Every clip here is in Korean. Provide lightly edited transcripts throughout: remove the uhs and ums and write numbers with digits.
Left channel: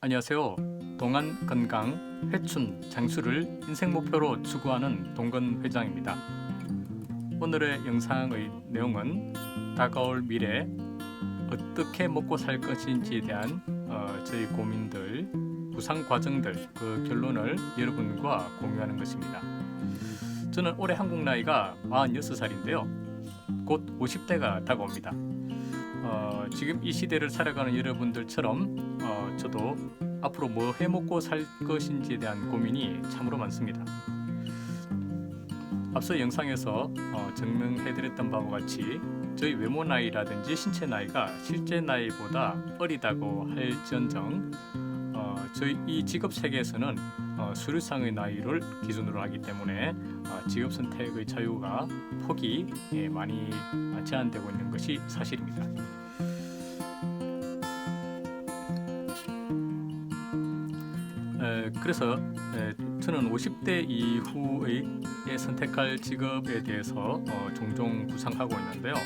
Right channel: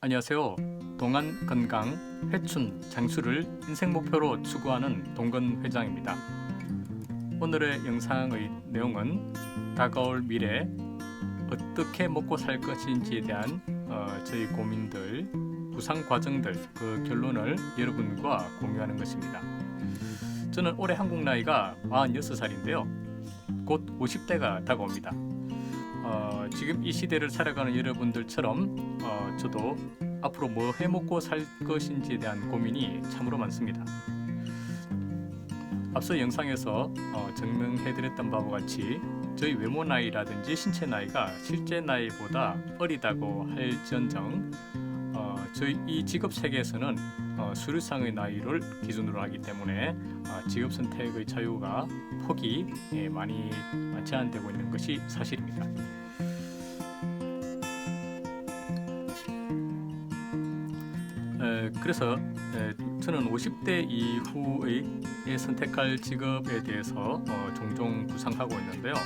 안녕하세요. 동안 건강, 회춘, 장수를 인생 목표로 추구하는 동건 회장입니다. 오늘의 영상의 내용은 다가올 미래 어떻게 먹고 살 것인지에 대한 저희 고민들, 구상 과정들, 그 결론을 여러분과 공유하는 것입니다. 저는 올해 한국 나이가 46살인데요. 곧 50대가 다가옵니다. 지금 이 시대를 살아가는 여러분들처럼 저도 앞으로 뭐 해먹고 살 것인지에 대한 고민이 참으로 많습니다. 앞서 영상에서 증명해드렸던 바와 같이 저희 외모 나이라든지 신체 나이가 실제 나이보다 어리다고 할지언정 저희 이 직업 세계에서는 수료상의 나이를 기준으로 하기 때문에 직업 선택의 자유가 폭이 많이 제한되고 있는 것이 사실입니다. 그래서 저는 50대 이후에 선택할 직업에 대해서 종종 구상하고 있는데요.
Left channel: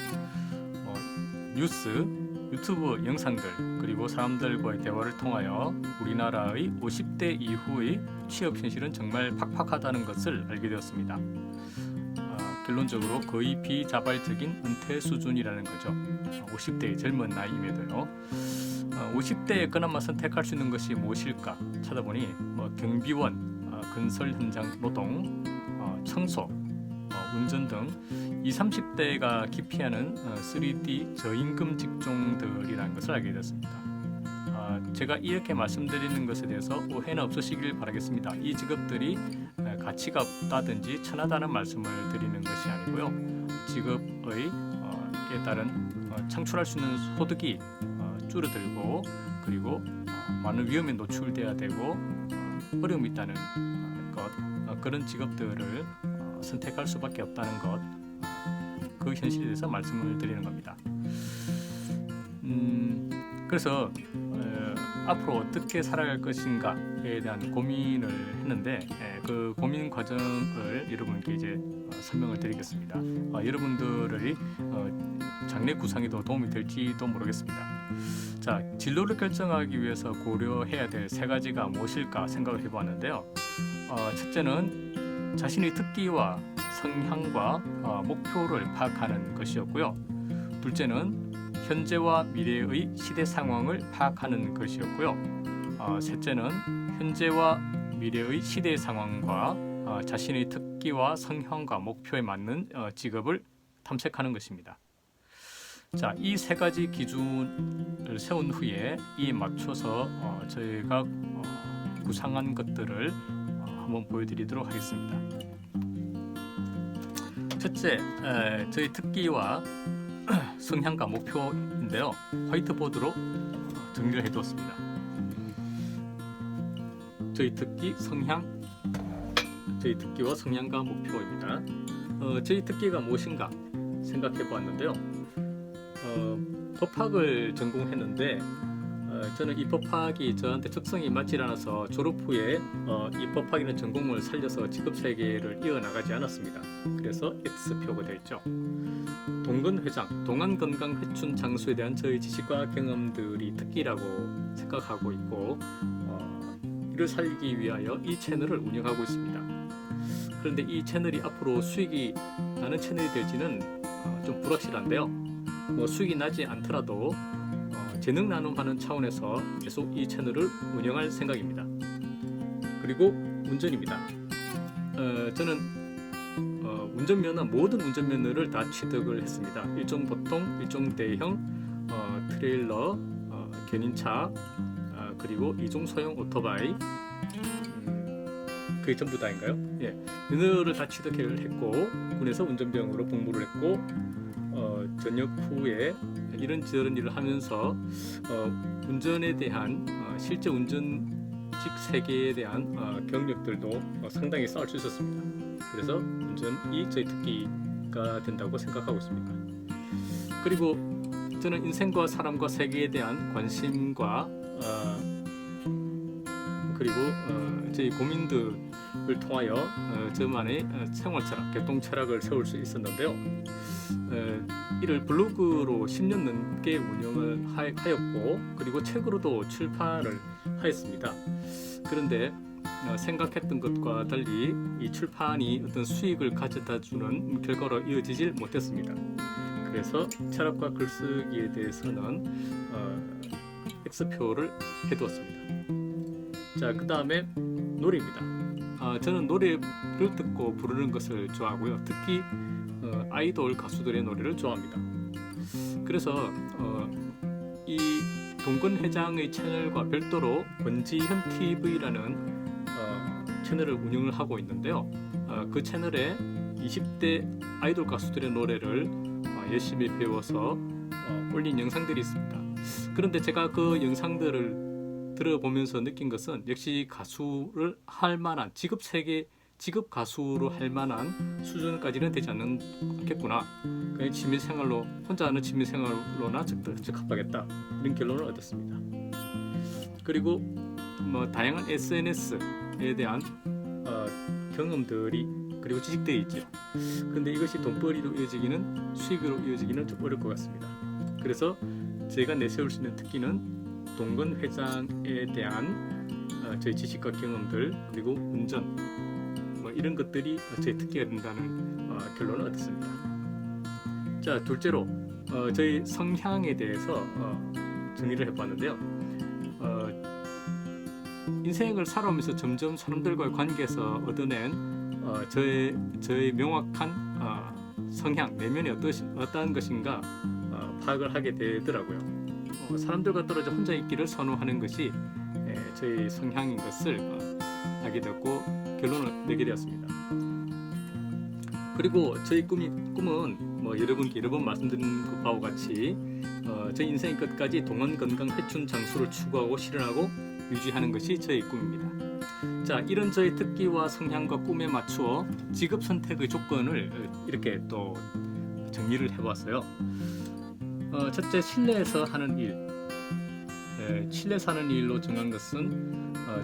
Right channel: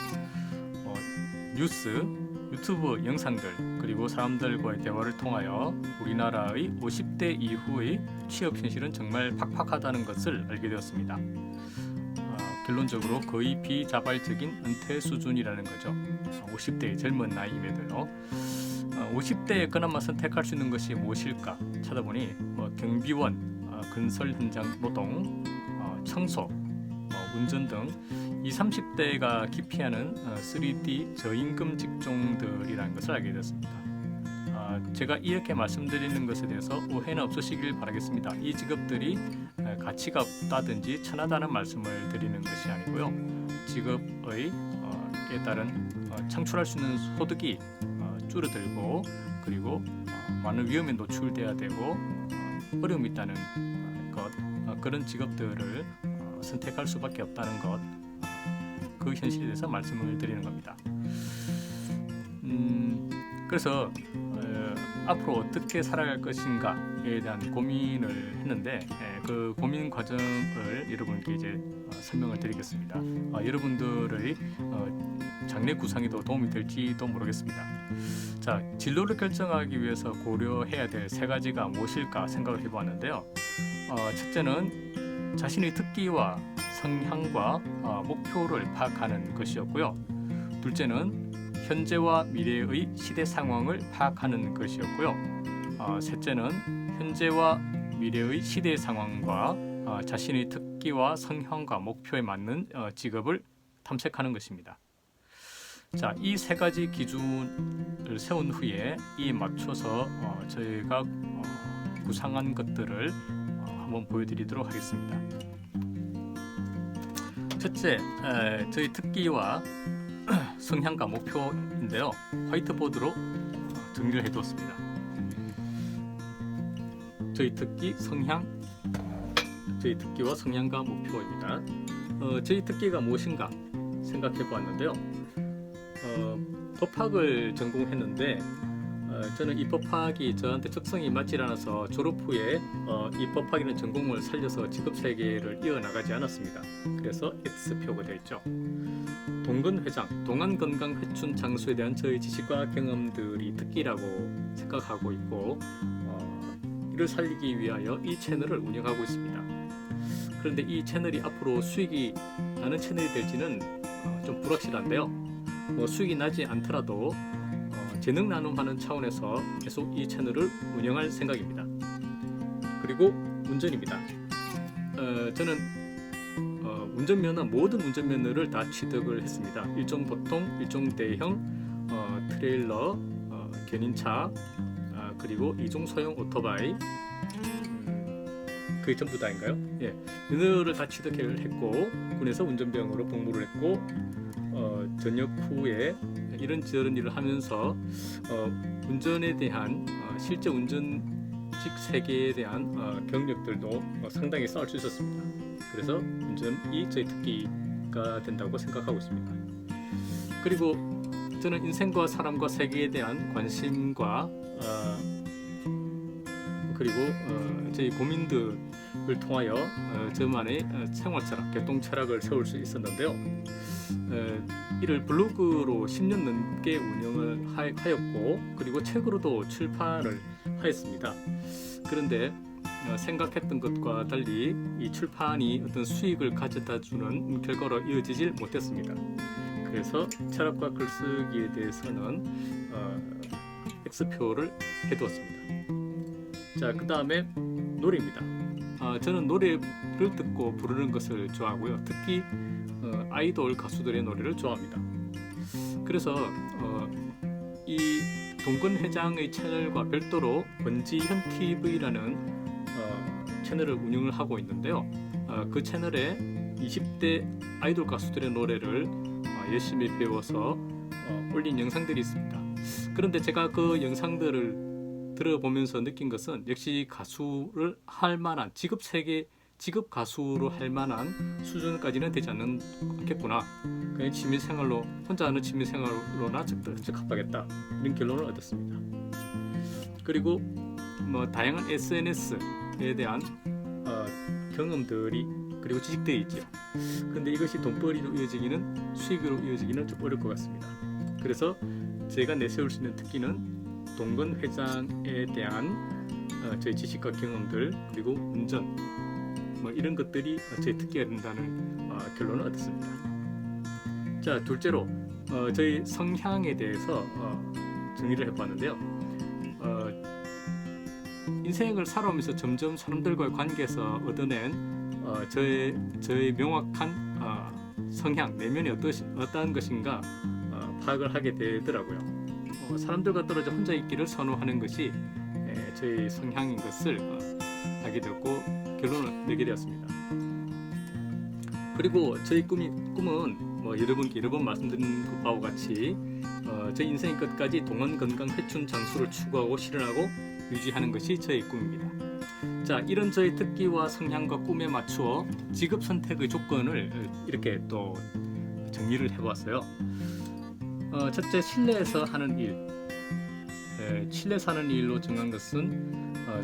뉴스, 유튜브 영상들 그리고 사람들과의 대화를 통하여 우리나라의 50대 이후의 취업 현실은 정말 팍팍하다는 것을 알게 되었습니다. 결론적으로 거의 비자발적인 은퇴 수준이라는 거죠. 50대의 젊은 나이임에도요. 50대에 그나마 선택할 수 있는 것이 무엇일까 찾아보니 경비원, 건설 현장 노동, 청소, 운전 등 20, 30대가 기피하는 3D 저임금 직종들이라는 것을 알게 되었습니다. 제가 이렇게 말씀드리는 것에 대해서 오해는 없으시길 바라겠습니다. 이 직업들이 가치가 없다든지 천하다는 말씀을 드리는 것이 아니고요. 직업의 에 따른 창출할 수 있는 소득이 줄어들고 그리고 많은 위험에 노출돼야 되고 어려움이 있다는 것 그런 직업들을 선택할 수밖에 없다는 것 그 현실에 대해서 말씀을 드리는 겁니다. 그래서 앞으로 어떻게 살아갈 것인가에 대한 고민을 했는데 그 고민 과정을 여러분께 이제 설명을 드리겠습니다. 여러분들의 장래 구상에도 도움이 될지도 모르겠습니다. 자, 진로를 결정하기 위해서 고려해야 될 세 가지가 무엇일까 생각을 해보았는데요. 첫째는 자신의 특기와 성향과 목표를 파악하는 것이었고요. 둘째는 현재와 미래의 시대 상황을 파악하는 것이었고요. 셋째는 현재와 미래의 시대 상황과 자신의 특기와 성향과 목표에 맞는 직업을 탐색하는 것입니다. 자, 이 세 가지 기준을 세운 후에 이에 맞춰서 저희가 구상한 것들을 한번 보여드리도록 하겠습니다. 첫째, 저희 특기와 성향과 목표인데요. 화이트보드로 정리를 해두었습니다. 저희 특기, 성향, 저희 특기와 성향과 목표입니다. 저희 특기가 무엇인가 생각해 보았는데요. 법학을 전공했는데 저는 이 법학이 저한테 적성이 맞지 않아서 졸업 후에 이 법학이라는 전공을 살려서 직업 세계를 이어나가지 않았습니다. 그래서 X표가 되어 있죠. 동건 회장, 동안 건강 회춘 장수에 대한 저의 지식과 경험들이 특기라고 생각하고 있고 이를 살리기 위하여 이 채널을 운영하고 있습니다. 그런데 이 채널이 앞으로 수익이 나는 채널이 될지는 좀 불확실한데요. 수익이 나지 않더라도 재능 나눔하는 차원에서 계속 이 채널을 운영할 생각입니다. 그리고 운전입니다. 저는 운전면허, 모든 운전면허를 다 취득을 했습니다. 일종 보통, 일종 대형, 트레일러, 견인차, 그리고 이종 소형 오토바이, 그게 전부 다인가요? 예, 면허를 다 취득을 했고 군에서 운전병으로 복무를 했고 전역 후에 이런저런 일을 하면서 운전에 대한 실제 운전직 세계에 대한 경력들도 상당히 쌓을 수 있었습니다. 그래서 운전이 저희 특기가 된다고 생각하고 있습니다. 그리고 저는 인생과 사람과 세계에 대한 관심과 그리고 저희 고민들을 통하여 저만의 생활 철학, 개똥 철학을 세울 수 있었는데요. 이를 블로그로 10년 넘게 운영을 하였고 그리고 책으로도 출판을 하였습니다. 그런데 생각했던 것과 달리 이 출판이 어떤 수익을 가져다 주는 결과로 이어지질 못했습니다. 그래서 철학과 글쓰기에 대해서는 X표를 해두었습니다. 자, 그 다음에 노래입니다. 저는 노래를 듣고 부르는 것을 좋아하고요. 특히 아이돌 가수들의 노래를 좋아합니다. 그래서 이 동근 회장의 채널과 별도로 권지현 TV라는 채널을 운영을 하고 있는데요. 그 채널에 20대 아이돌 가수들의 노래를 열심히 배워서 올린 영상들이 있습니다. 그런데 제가 그 영상들을 들어보면서 느낀 것은 역시 가수를 할 만한 직업 가수로 할 만한 수준까지는 되지 않겠구나. 그냥 취미생활로 혼자 하는 취미생활로나 적합하겠다, 이런 결론을 얻었습니다. 그리고 다양한 SNS에 대한 경험들이 그리고 지식들이 있죠. 근데 이것이 돈벌이로 이어지기는, 수익으로 이어지기는 좀 어려울 것 같습니다. 그래서 제가 내세울 수 있는 특기는 동근 회장에 대한 저희 지식과 경험들, 그리고 운전 이런 것들이 저희 특기가 된다는 결론을 얻었습니다. 자, 둘째로 저희 성향에 대해서 정의를 해보았는데요. 인생을 살아오면서 점점 사람들과의 관계에서 얻어낸 저의 명확한 성향, 내면이 어떠한 것인가 파악을 하게 되더라고요. 사람들과 떨어져 혼자 있기를 선호하는 것이 저의 성향인 것을 알게 되었고 결론을 내게 되었습니다. 그리고 저희 꿈은 여러분께 여러 번 말씀드린 바와 같이 저희 인생의 끝까지 동원 건강 회춘 장수를 추구하고 실현하고 유지하는 것이 저의 꿈입니다. 자, 이런 저의 특기와 성향과 꿈에 맞추어 직업 선택의 조건을 이렇게 또 정리를 해보았어요. 첫째, 실내에서 하는 일. 실내에서 하는 일로 정한 것은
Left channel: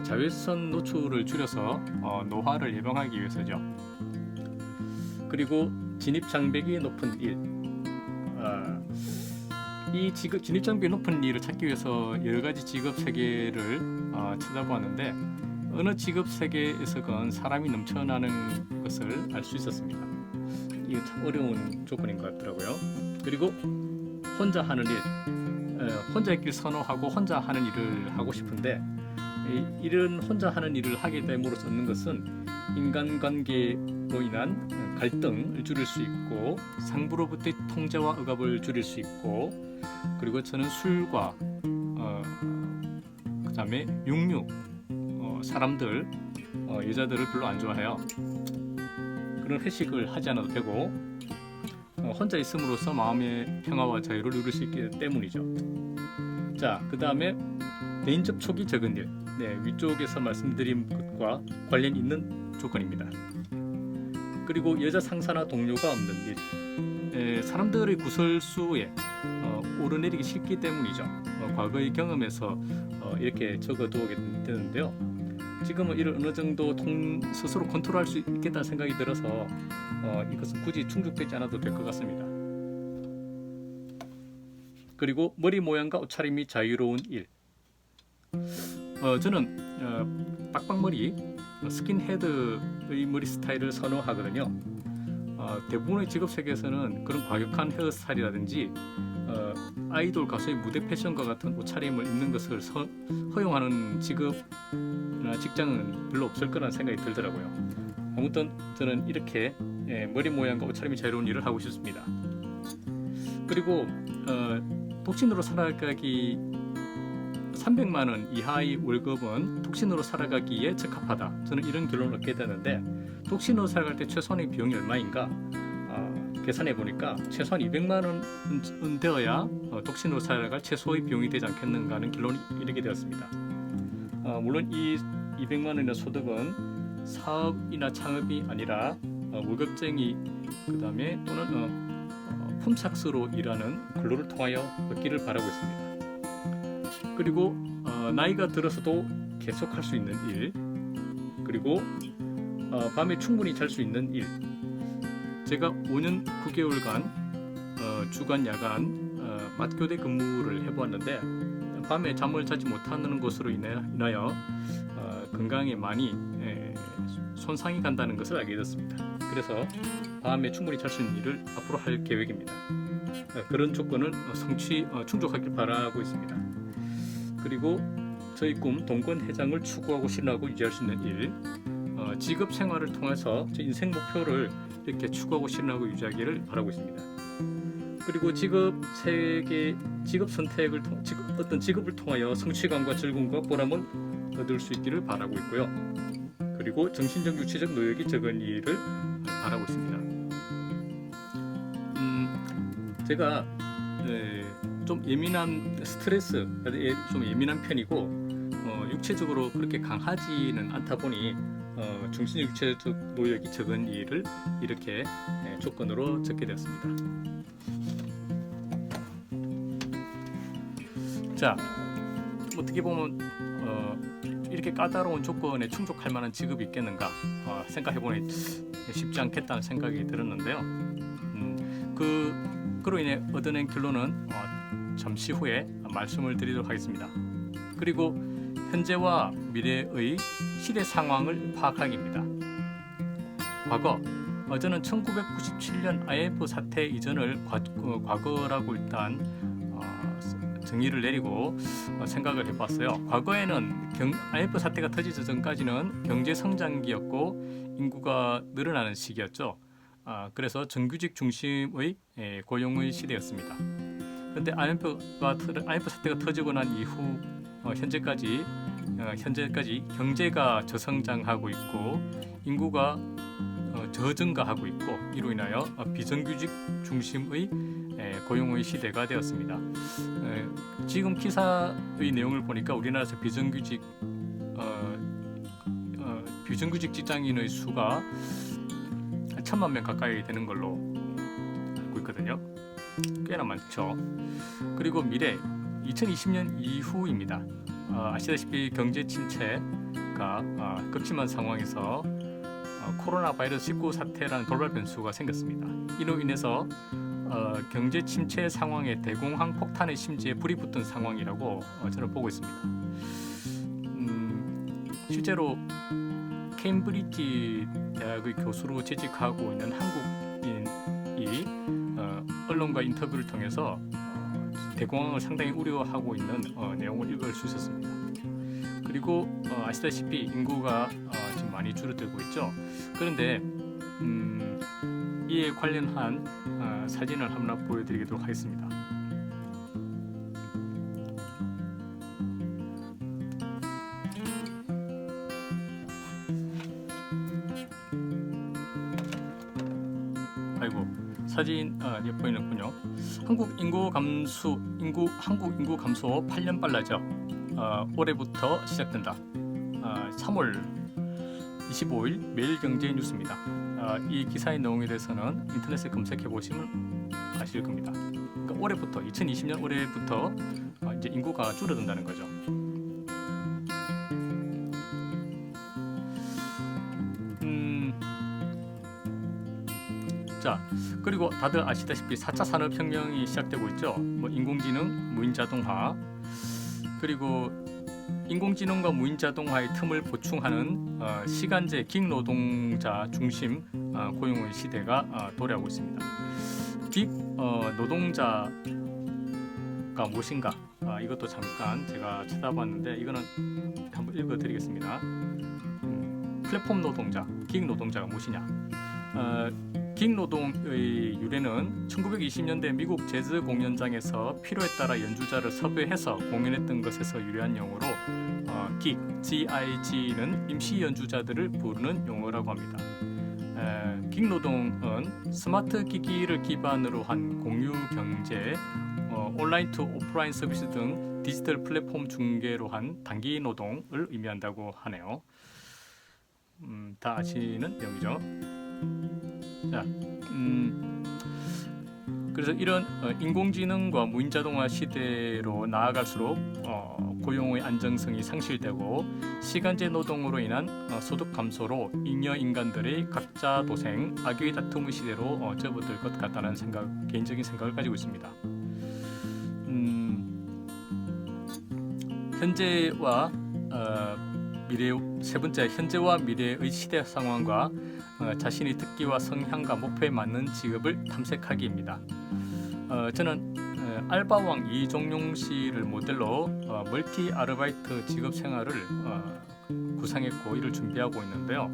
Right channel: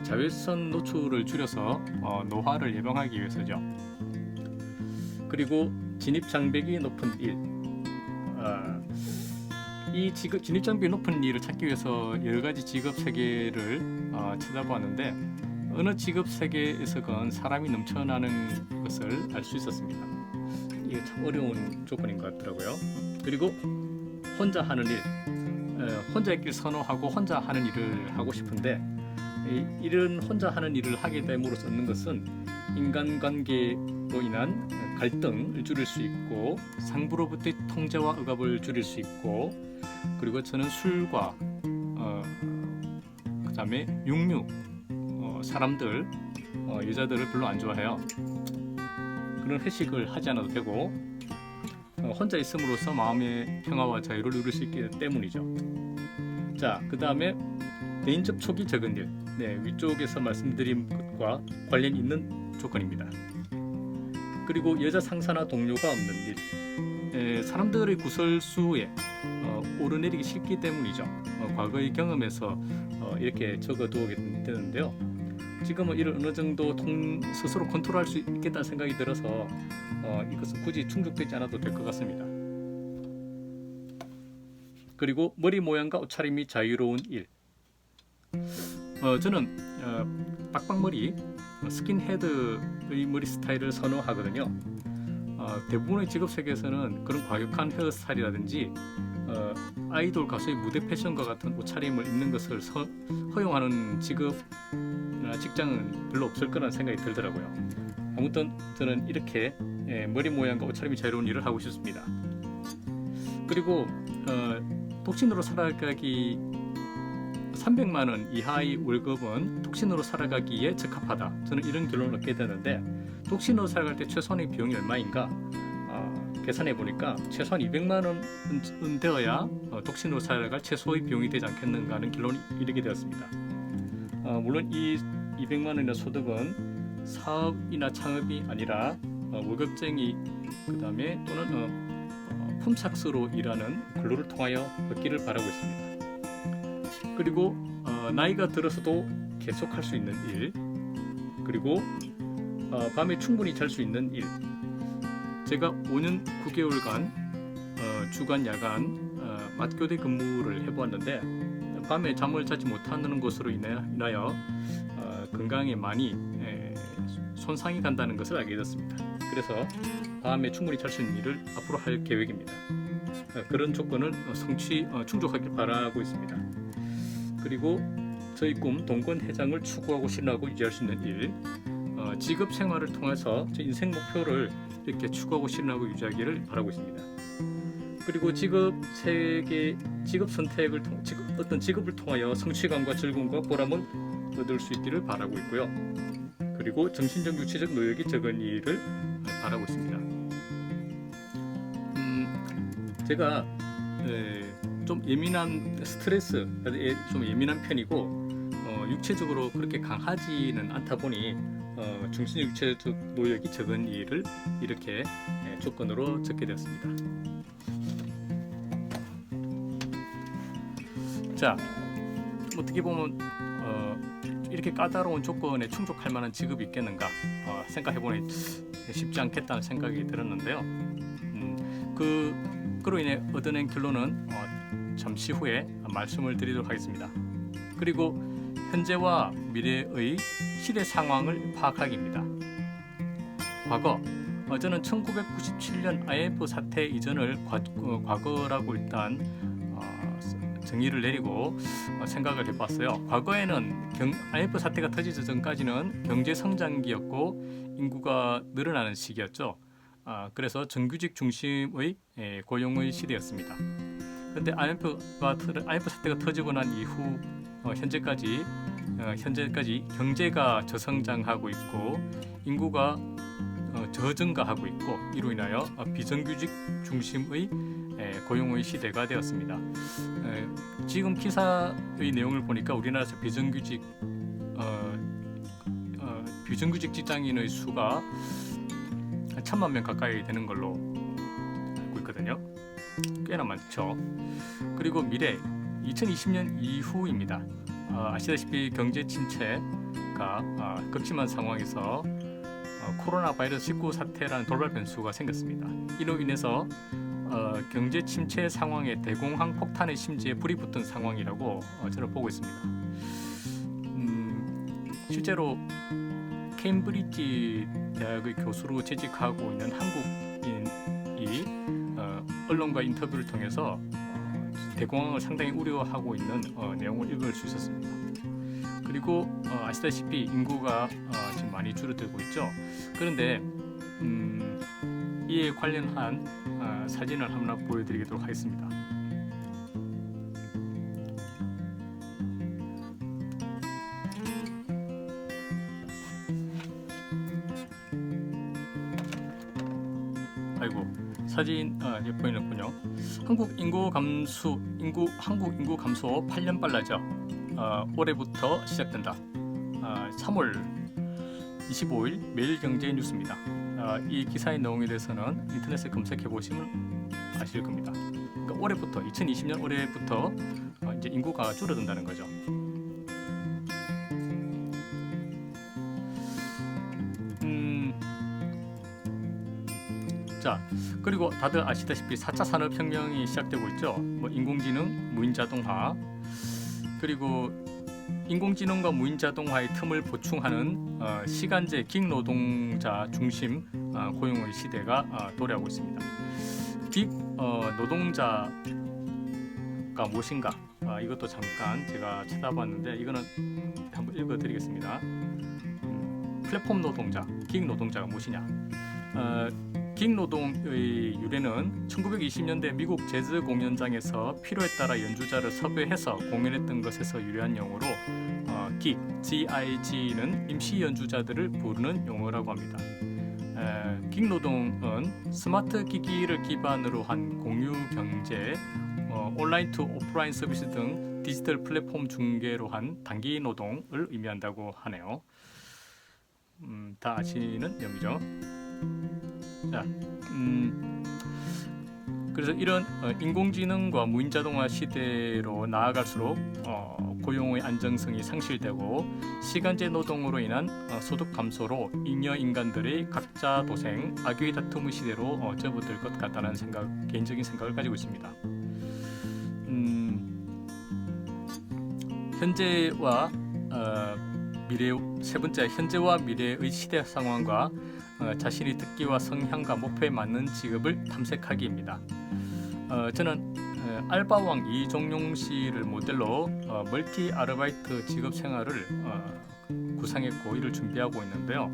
자외선 노출을 줄여서 노화를 예방하기 위해서죠. 그리고 진입 장벽이 높은 일. 이 진입 장벽이 높은 일을 찾기 위해서 여러 가지 직업 세계를 찾아보았는데 어느 직업 세계에서건 사람이 넘쳐나는 것을 알 수 있었습니다. 이게 참 어려운 조건인 것 같더라고요. 그리고 혼자 하는 일, 혼자 있길 선호하고 혼자 하는 일을 하고 싶은데 이런 혼자 하는 일을 하게 됨으로써 얻는 것은 인간관계로 인한 갈등을 줄일 수 있고 상부로부터의 통제와 억압을 줄일 수 있고, 그리고 저는 술과 그 다음에 육류, 사람들, 여자들을 별로 안 좋아해요. 그런 회식을 하지 않아도 되고 혼자 있음으로써 마음의 평화와 자유를 누릴 수 있기 때문이죠. 자, 그 다음에 대인 접촉이 적은 일. 위쪽에서 말씀드린 것과 관련 있는 조건입니다. 그리고 여자 상사나 동료가 없는 일. 사람들의 구설수에 오르내리기 싫기 때문이죠. 과거의 경험에서 이렇게 적어두게 되는데요. 지금은 이를 어느 정도 스스로 컨트롤할 수 있겠다는 생각이 들어서 이것은 굳이 충족되지 않아도 될 것 같습니다. 그리고 머리 모양과 옷차림이 자유로운 일. 저는 빡빡머리, 스킨헤드의 머리 스타일을 선호하거든요. 대부분의 직업 세계에서는 그런 과격한 헤어스타일이라든지 아이돌 가수의 무대 패션과 같은 옷차림을 입는 것을 허용하는 직업이나 직장은 별로 없을 거라는 생각이 들더라고요. 아무튼 저는 이렇게 머리 모양과 옷차림이 자유로운 일을 하고 싶습니다. 그리고 독신으로 살아가기 300만 원 이하의 월급은 독신으로 살아가기에 적합하다. 저는 이런 결론을 얻게 되는데, 독신으로 살아갈 때 최소한의 비용이 얼마인가 계산해 보니까 최소한 200만 원은 되어야 독신으로 살아갈 최소의 비용이 되지 않겠는가 하는 결론이 이르게 되었습니다. 물론 이 200만 원의 소득은 사업이나 창업이 아니라 월급쟁이, 그 다음에 또는 품삯으로 일하는 근로를 통하여 얻기를 바라고 있습니다. 그리고 나이가 들어서도 계속할 수 있는 일, 그리고 밤에 충분히 잘 수 있는 일. 제가 5년 9개월간 주간 야간 맞교대 근무를 해보았는데 밤에 잠을 자지 못하는 것으로 인하여 건강에 많이 손상이 간다는 것을 알게 됐습니다. 그래서 밤에 충분히 잘 수 있는 일을 앞으로 할 계획입니다. 그런 조건을 충족하길 바라고 있습니다. 그리고 저희 꿈 동권 회장을 추구하고 실현하고 유지할 수 있는 일, 직업 생활을 통해서 제 인생 목표를 이렇게 추구하고 실현하고 유지하기를 바라고 있습니다. 그리고 어떤 직업을 통하여 성취감과 즐거움과 보람을 얻을 수 있기를 바라고 있고요. 그리고 정신적 육체적 노역이 적은 일을 바라고 있습니다. 제가 좀 예민한 좀 예민한 편이고 육체적으로 그렇게 강하지는 않다 보니 정신적 육체적 노역이 적은 일을 이렇게 조건으로 적게 되었습니다. 자, 어떻게 보면 이렇게 까다로운 조건에 충족할 만한 직업이 있겠는가 생각해보니 쉽지 않겠다는 생각이 들었는데요. 그로 인해 얻어낸 결론은 잠시 후에 말씀을 드리도록 하겠습니다. 그리고 현재와 미래의 시대 상황을 파악하기입니다. 과거, 저는 1997년 IMF 사태 이전을 과거라고 일단 정의를 내리고 생각을 해봤어요. 과거에는 IMF 사태가 터지기 전까지는 경제 성장기였고 인구가 늘어나는 시기였죠. 그래서 정규직 중심의 고용의 시대였습니다. 그런데 IMF 사태가 터지고 난 이후 현재까지 경제가 저성장하고 있고 인구가 저증가하고 있고 이로 인하여 비정규직 중심의 고용의 시대가 되었습니다. 지금 기사의 내용을 보니까 우리나라에서 비정규직 직장인의 수가 한 1,000만 명 가까이 되는 걸로 알고 있거든요. 꽤나 많죠. 그리고 미래 2020년 이후입니다. 아시다시피 경제 침체가 극심한 상황에서 코로나 바이러스 19 사태라는 돌발 변수가 생겼습니다. 이로 인해서 경제 침체 상황에 대공황 폭탄의 심지에 불이 붙은 상황이라고 저는 보고 있습니다. 실제로 케임브리지 대학의 교수로 재직하고 있는 한국인이 언론과 인터뷰를 통해서 대공황을 상당히 우려하고 있는 내용을 읽을 수 있었습니다. 그리고 아시다시피 인구가 지금 많이 줄어들고 있죠. 그런데 이에 관련한 사진을 하나 보여드리도록 하겠습니다. 아이고 사진 이제 보이는군요. 한국 인구 감소 8년 빨라져 올해부터 시작된다. 3월 25일 매일경제 뉴스입니다. 이 기사의 내용에 대해서는 인터넷에 검색해 보시면 아실 겁니다. 그러니까 올해부터 2020년 올해부터 이제 인구가 줄어든다는 거죠. 자, 그리고 다들 아시다시피 4차 산업혁명이 시작되고 있죠. 뭐 인공지능, 무인자동화, 그리고 인공지능과 무인자동화의 틈을 보충하는 시간제 긱노동자 중심 고용의 시대가 도래하고 있습니다. 긱 노동자가 무엇인가? 이것도 잠깐 제가 찾아봤는데 이거는 한번 읽어드리겠습니다. 플랫폼 노동자, 긱 노동자가 무엇이냐? 긱 노동의 유래는 1920년대 미국 재즈 공연장에서 필요에 따라 연주자를 섭외해서 공연했던 것에서 유래한 용어로 GIG는 임시 연주자들을 부르는 용어라고 합니다. 긱 노동은 스마트 기기를 기반으로 한 공유 경제, 온라인 투 오프라인 서비스 등 디지털 플랫폼 중개로 한 단기 노동을 의미한다고 하네요. 다 아시는 내용이죠. 자, 그래서 이런 인공지능과 무인자동화 시대로 나아갈수록 고용의 안정성이 상실되고 시간제 노동으로 인한 소득 감소로 잉여 인간들의 각자 도생, 악의 다툼의 시대로 접어들 것 같다는 개인적인 생각을 가지고 있습니다. 현재와 미래 세 번째 현재와 미래의 시대 상황과 자신의 특기와 성향과 목표에 맞는 직업을 탐색하기입니다. 저는 알바왕 이종용 씨를 모델로 멀티 아르바이트 직업 생활을 구상했고 이를 준비하고 있는데요.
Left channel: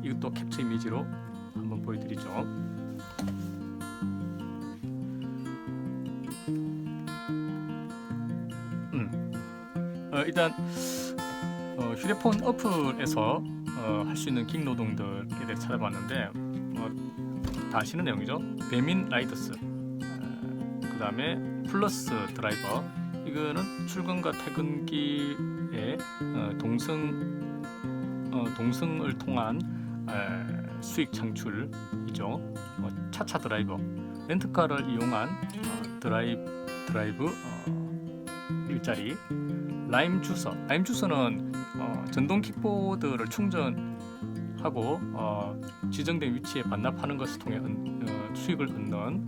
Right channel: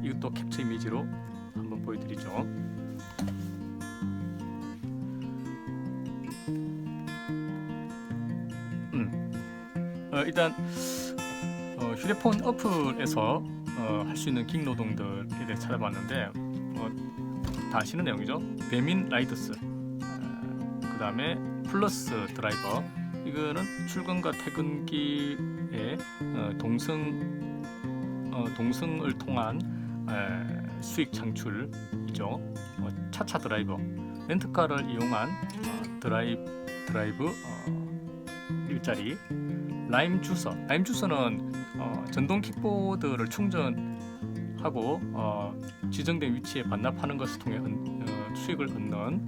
이것도 캡처 이미지로 한번 보여드리죠. 일단 휴대폰 어플에서 할 수 있는 긱 노동들에 대해 찾아봤는데 다 아시는 내용이죠. 배민 라이더스, 그 다음에 플러스 드라이버, 이거는 출근과 퇴근길에 동승을 통한 수익 창출이죠. 차차 드라이버, 렌트카를 이용한 드라이브 일자리. 라임 주서는 전동 킥보드를 충전하고 지정된 위치에 반납하는 것을 통해 수익을 얻는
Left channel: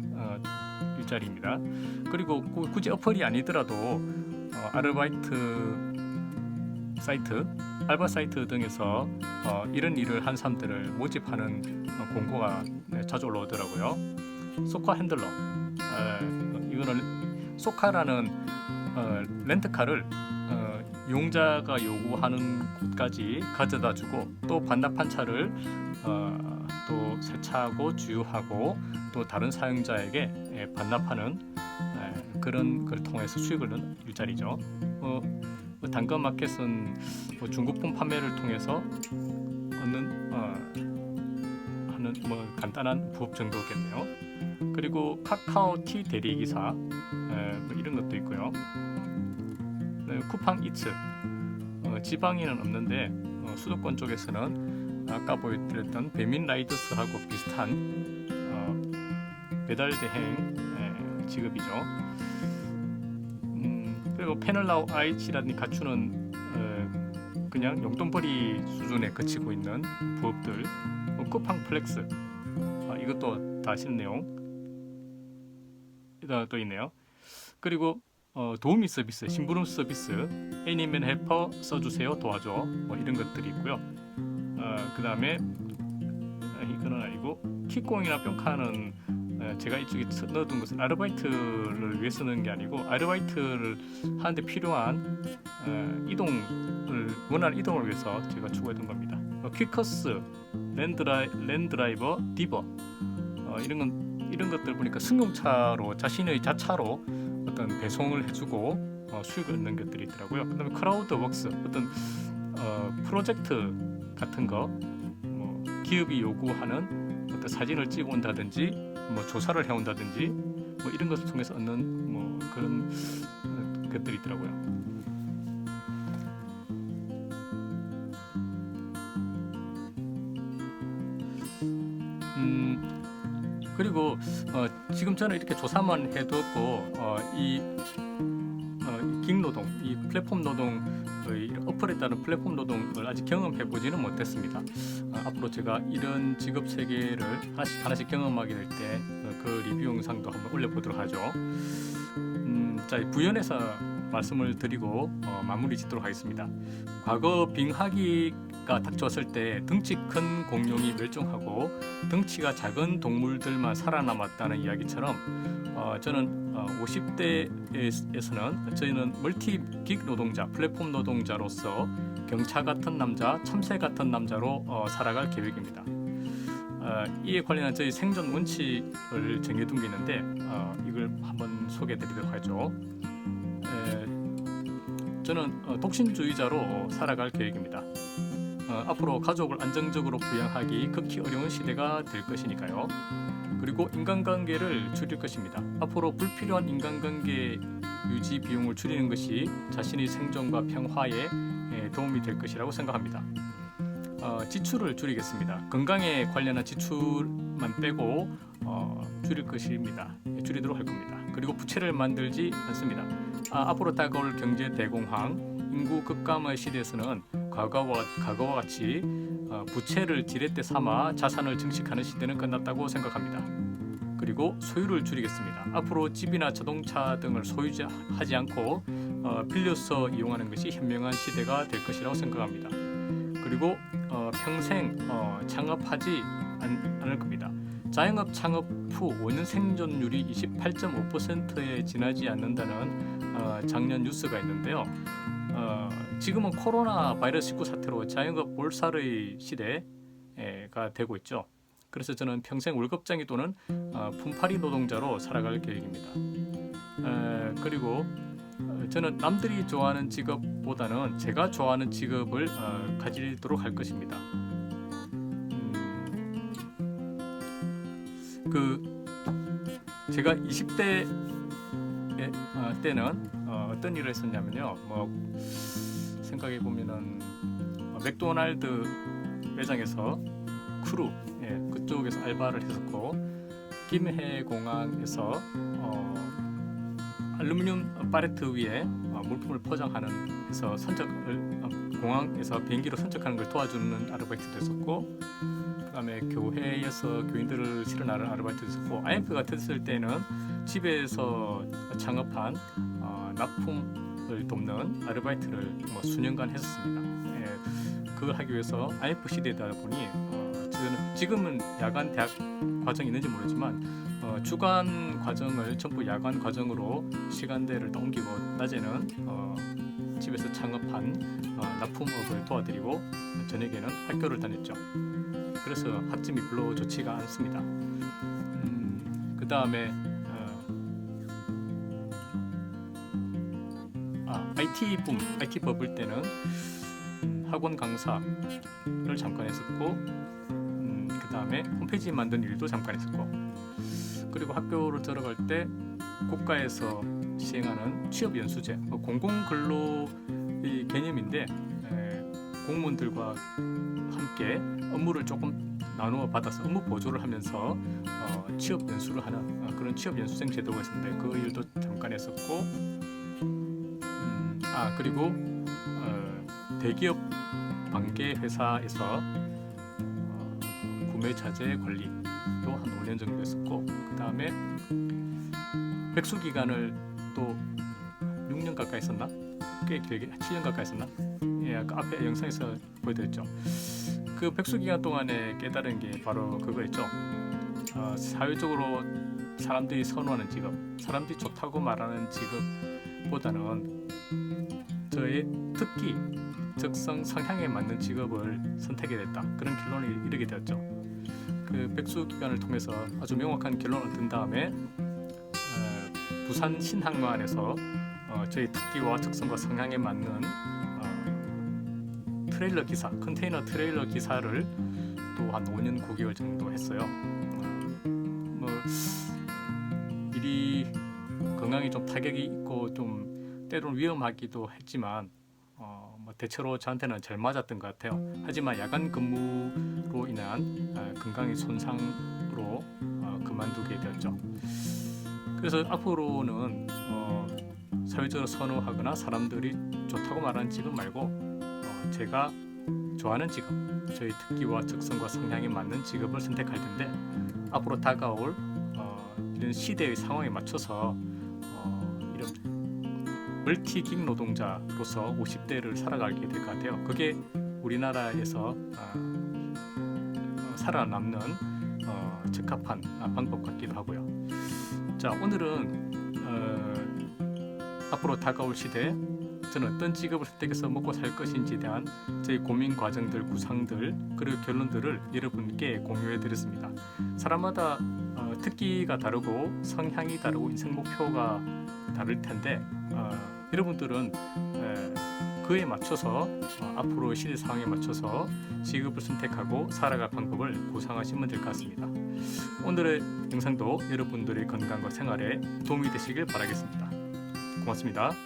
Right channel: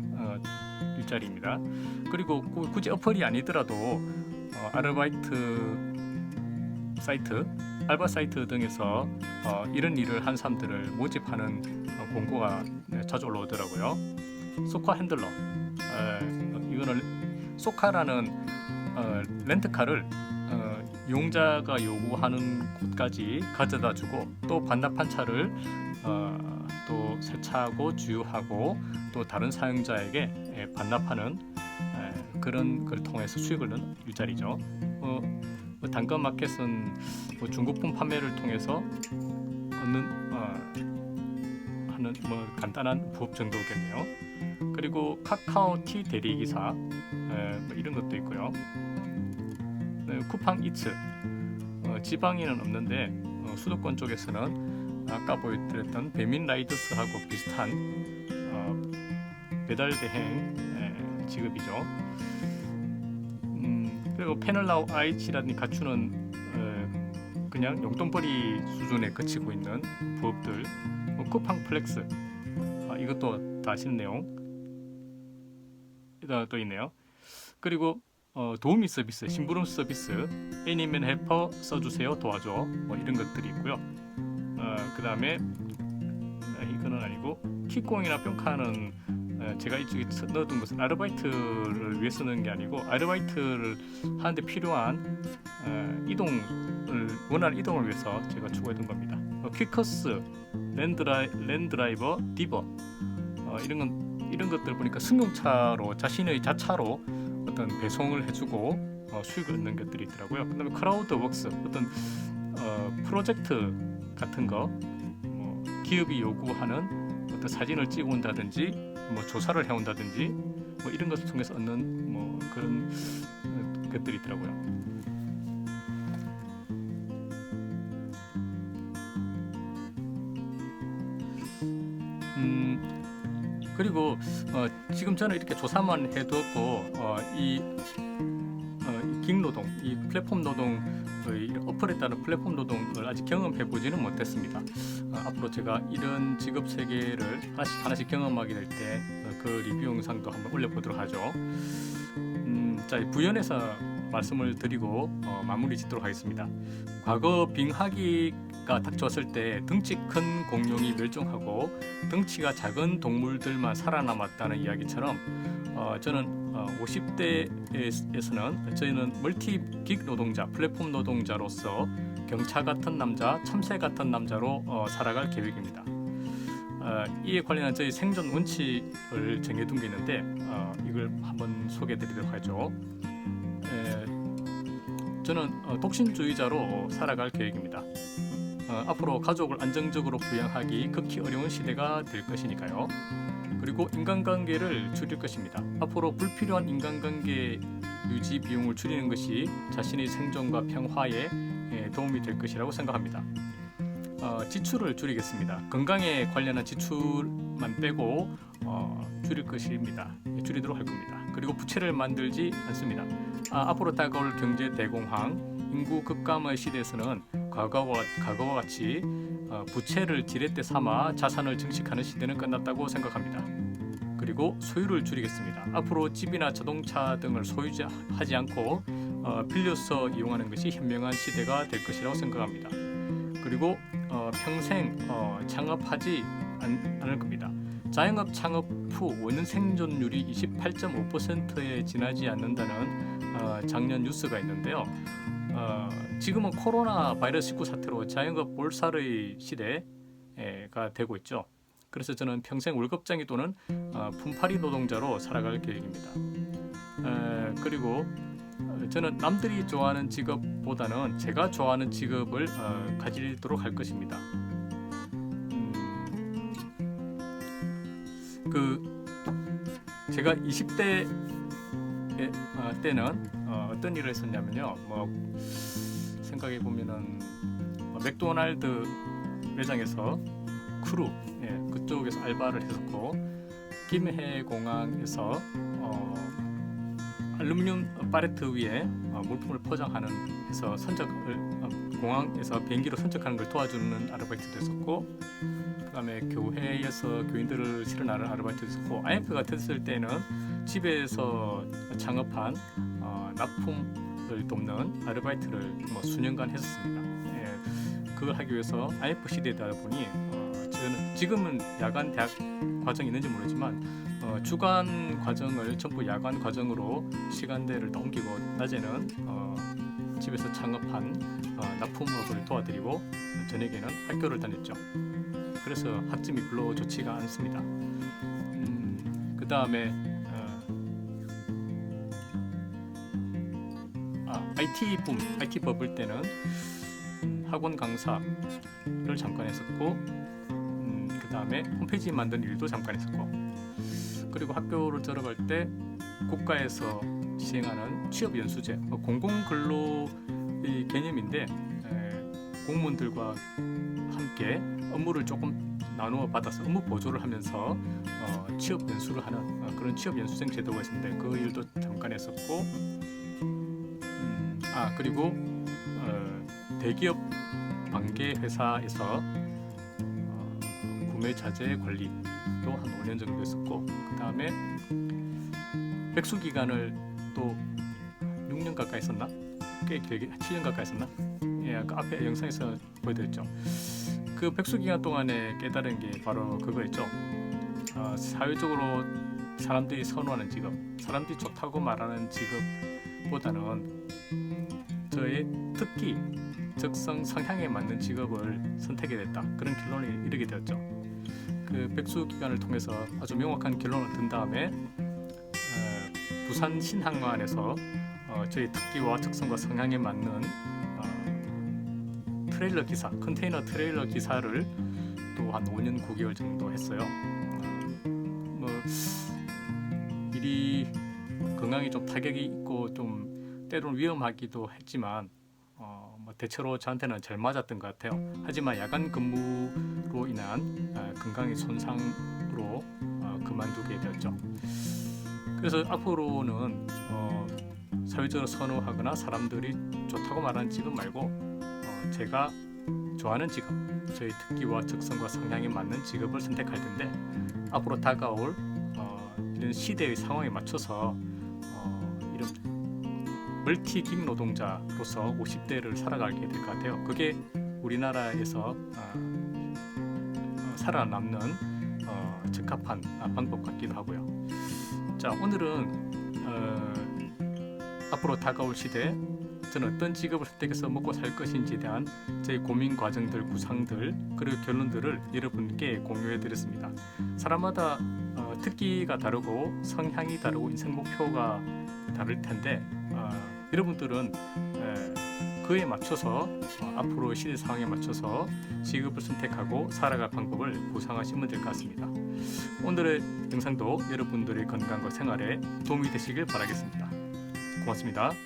일자리입니다. 그리고 굳이 어플이 아니더라도 아르바이트 사이트, 알바 사이트 등에서 이런 일을 한 사람들을 모집하는 공고가 자주 올라오더라고요. 소카 핸들러, 이거는 소카라는 렌트카를 이용자가 요구하는 곳까지 가져다 주고 또 반납한 차를 또 세차하고 주유하고 또 다른 사용자에게 반납하는 그런 걸 통해서 수익을 얻는 일자리죠. 당근마켓은 중고품 판매를 통해서 얻는 하는 간단한 부업 정도겠네요. 그리고 카카오티 대리기사, 이런 것도 있고요. 쿠팡 이츠, 지방에는 없는데 수도권 쪽에서는 아까 보여드렸던 배민 라이더스하고 비슷한 배달 대행 직업이죠. 그리고 패널라우 IH라든지 갖추는 그냥 용돈벌이 수준에 그치고 있는 부업들, 쿠팡 플렉스, 이것도 다 아시는 내용 또 있네요. 그리고 도우미 서비스, 심부름 서비스, 애니맨 헬퍼 써주세요, 도와줘, 이런 것들이 있고요. 그 다음에 이거는 아니고 킥공이나 뿅카는 제가 이쪽에 넣어둔 것은 아르바이트를 위해 쓰는 게 아니고 아르바이트를 하는데 필요한 원하는 이동을 위해서 제가 추가했던 겁니다. 퀵커스, 랜드라이버, 디버, 이런 것들 보니까 승용차로 자신의 자차로 어떤 배송을 해주고 수익을 얻는 것들이 있더라고요. 그다음에 크라우드웍스, 어떤 프로젝트 같은 거, 기업이 요구하는 어떤 사진을 찍어 온다든지, 조사를 해온다든지, 이런 것을 통해서 얻는 그런 것들이 있더라고요. 그리고 지금 저는 이렇게 조사만 해두었고 이 긱노동, 이 플랫폼 노동의 어플에 따른 플랫폼 노동을 아직 경험해 보지는 못했습니다. 앞으로 제가 이런 직업 세계를 하나씩 경험하게 될 때 그 리뷰 영상도 한번 올려보도록 하죠. 자, 부연해서 말씀을 드리고 마무리 짓도록 하겠습니다. 과거 빙하기가 닥쳤을 때 덩치 큰 공룡이 멸종하고 덩치가 작은 동물들만 살아남았다는 이야기처럼 저는 50대에서는 저희는 멀티긱 노동자, 플랫폼 노동자로서 경차 같은 남자, 참새 같은 남자로 살아갈 계획입니다. 이에 관련한 저희 생존 원칙을 정해둔 게 있는데 이걸 한번 소개해드리도록 하죠. 저는 독신주의자로 살아갈 계획입니다. 앞으로 가족을 안정적으로 부양하기 극히 어려운 시대가 될 것이니까요. 그리고 인간관계를 줄일 것입니다. 앞으로 불필요한 인간관계 유지 비용을 줄이는 것이 자신의 생존과 평화에 도움이 될 것이라고 생각합니다. 지출을 줄이겠습니다. 건강에 관련한 지출만 빼고 줄일 것입니다. 줄이도록 할 겁니다. 그리고 부채를 만들지 않습니다. 앞으로 다가올 경제 대공황, 인구 급감의 시대에서는 과거와 같이 부채를 지렛대 삼아 자산을 증식하는 시대는 끝났다고 생각합니다. 그리고 소유를 줄이겠습니다. 앞으로 집이나 자동차 등을 소유하지 않고 빌려서 이용하는 것이 현명한 시대가 될 것이라고 생각합니다. 그리고 평생 창업하지 않을 겁니다. 자영업 창업 후 5년 생존율이 28.5%에 지나지 않는다는 작년 뉴스가 있는데요. 지금은 코로나 바이러스 19 사태로 자영업 몰살의 시대가 되고 있죠. 그래서 저는 평생 월급쟁이 또는 품팔이 노동자로 살아갈 계획입니다. 그리고 저는 남들이 좋아하는 직업보다는 제가 좋아하는 직업을 가지도록 할 것입니다. 제가 20대 때는 어떤 일을 했었냐면요. 생각해 보면은 맥도날드 매장에서 크루 그쪽에서 알바를 했었고, 김해공항에서 알루미늄 팔레트 위에 물품을 포장하는 해서 선적을 공항에서 비행기로 선적하는 걸 도와주는 아르바이트도 했었고, 그다음에 교회에서 교인들을 실어나르는 아르바이트도 했었고, IMF가 터졌을 때는 집에서 창업한 납품을 돕는 아르바이트를 수년간 했었습니다. 그걸 하기 위해서 IMF 시대다 보니 저는 지금은 야간 대학 과정이 있는지 모르지만 주간 과정을 전부 야간 과정으로 시간대를 다 옮기고, 낮에는 집에서 창업한 납품업을 도와드리고 저녁에는 학교를 다녔죠. 그래서 학점이 별로 좋지가 않습니다. 그 다음에 IT 버블 때는 학원 강사를 잠깐 했었고, 그 다음에 홈페이지 만드는 일도 잠깐 했었고, 그리고 학교를 들어갈 때 국가에서 시행하는 취업연수제, 공공근로의 개념인데 공무원들과 함께 업무를 조금 나누어 받아서 업무 보조를 하면서 취업연수를 하는 그런 취업연수생 제도가 있었는데 그 일도 잠깐 했었고, 그리고 대기업 반개 회사에서 구매 자재 관리도 한 5년 정도 했었고, 그 다음에 백수 기간을 또 6년 가까이 했었나? 꽤 길게 7년 가까이 했었나? 그 앞에 영상에서 보여드렸죠. 그 백수 기간 동안에 깨달은 게 바로 그거였죠. 사회적으로 사람들이 선호하는 직업, 사람들이 좋다고 말하는 직업보다는 저의 특기, 적성, 성향에 맞는 직업을 선택하게 됐다. 그런 결론에 이르게 되었죠. 그 백수 기간을 통해서 아주 명확한 결론을 얻은 다음에 부산 신항만에서 저희 특기와 적성과 성향에 맞는 트레일러 기사, 컨테이너 트레일러 기사를 또 한 5년 9개월 정도 했어요. 일이 건강에 좀 타격이 있고 좀 때로는 위험하기도 했지만 대체로 저한테는 잘 맞았던 것 같아요. 하지만 야간 근무로 인한 건강의 손상으로 그만두게 되었죠. 그래서 앞으로는 사회적으로 선호하거나 사람들이 좋다고 말하는 직업 말고 제가 좋아하는 직업, 저희 특기와 적성과 성향에 맞는 직업을 선택할 텐데, 앞으로 다가올 이런 시대의 상황에 맞춰서 이런 멀티긱 노동자로서 50대를 살아가게 될 것 같아요. 그게 우리나라에서 살아남는 적합한 방법 같기도 하고요. 자, 오늘은 앞으로 다가올 시대 저는 어떤 직업을 선택해서 먹고 살 것인지에 대한 저희 고민 과정들, 구상들, 그리고 결론들을 여러분께 공유해 드렸습니다. 사람마다 특기가 다르고 성향이 다르고 인생 목표가 다를 텐데 여러분들은 그에 맞춰서 앞으로 시대 상황에 맞춰서 직업을 선택하고 살아갈 방법을 구상하시면 될 것 같습니다. 오늘의 영상도 여러분들의 건강과 생활에 도움이 되시길 바라겠습니다. 고맙습니다.